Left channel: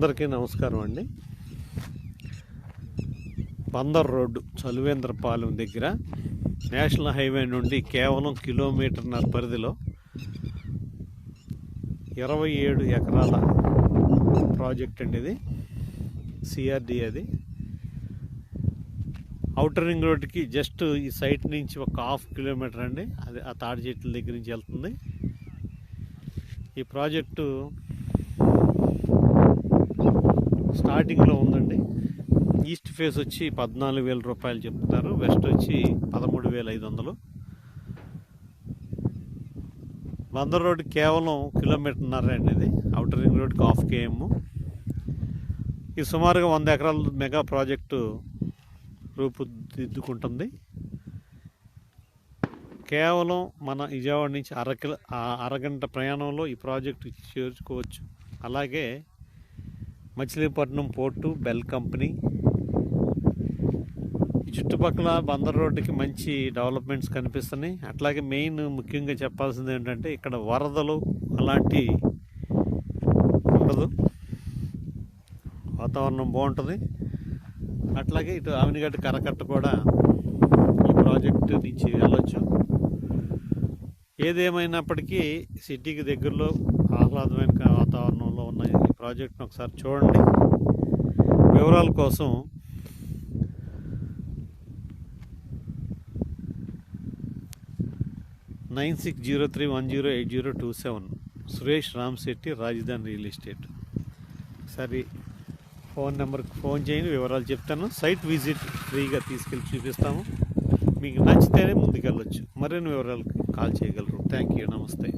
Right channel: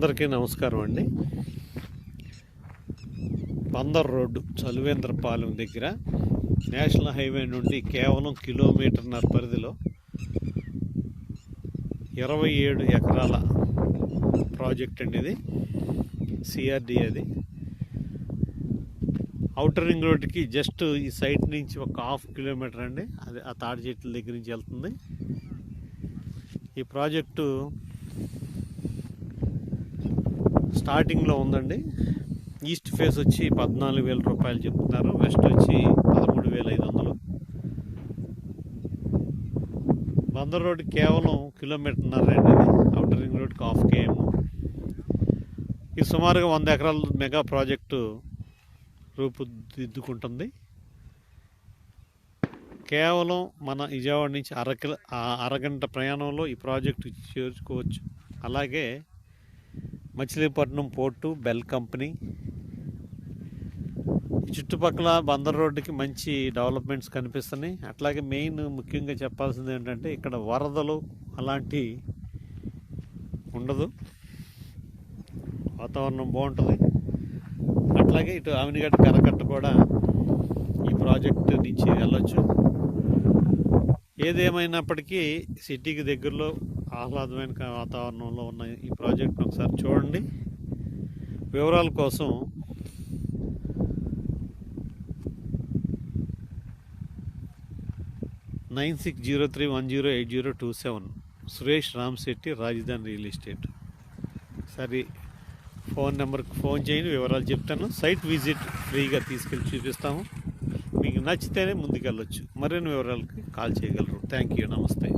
అందరికీ నమస్కారం అండి. బందర్ రోడ్డు చలువేంద్రపాలెం దగ్గర నేషనల్ హైవే నుండి కేవలం కిలోమీటర్న్నర పరిధిలో ఇరవై ఏడు ఎకరాల ప్రాజెక్ట్ అండి ఇది సిఆర్డి అది. అవుటర్ రింగ్ రోడ్డుకి జస్ట్ ఈ సైట్ నుంచి ఒక హాఫ్ కిలోమీటర్ అండి. అది ఆ తాడి చెట్ల దగ్గర నుంచి వెళ్తుంది. ఈ ప్రాజెక్టు స్టార్టింగ్లో ఉందండి. ఈస్ట్ ఫేస్ వచ్చి పద్నాలుగు వేల రూపాయలు చెప్తున్నారు. వెస్ట్ వచ్చి పదమూడు వేల ఐదు వందలు. బందర్ రోడ్ కేవలం కిలోమీటర్న్నర అండి అవుటర్ రింగ్ రోడ్కి హాఫ్ కేఎం. ఇది సుమారుగా వంద ఎకరాల మెగా ప్రాజెక్టు రూపుదిద్దుకుంటుంది. కేవలం మన విజయవాడ నుంచి అర కిలో అరగంట ప్రయాణంలో ఈ ప్రాజెక్టు చేర్చుకోవచ్చు. అలాగే మచిలీపట్నం పోర్టు బెల్ కంపెనీ. చుట్టుపక్కల బందర్ రోడ్డుకి మంచి డెవలప్మెంట్స్ కనిపిస్తున్నాయి. అట్లాగే మెయిన్ ముఖ్యంగా చెప్పాల్సింది ఏంటంటే ఇక్కడ వరదలు అలాంటి ఉండదు. వాతావరణం బాగుంటుంది. అట్లాగే ఇటు ఆవినిగడ్డ కరకట్ట కూడా ఈ ప్రాజెక్టు నుంచి వెళ్ళొచ్చు. ఏదేమైనప్పటికీ సిటీకి దగ్గరలో ఆహ్లాదమైన వాతావరణంలో ఉన్న ఈ ప్రాజెక్ట్ను ఒకసారి చూడండి. వివరాల కోసం nine six zero three one zero eight zero two seven Suresh Ramsetti Rajadhani real estate. సరే ఫోన్ నెంబర్కి ఫోన్ చేయండి వివరాలు చెప్తాను. సైట్ విజిట్ ఫ్రీగా తీసుకెళ్ళి చూపిస్తాము. మీకు నచ్చితేనే ముందుకెళ్ళొచ్చు. మరిన్ని వివరాలకి కాల్ చేయగలరు. Thank you. నమస్తే.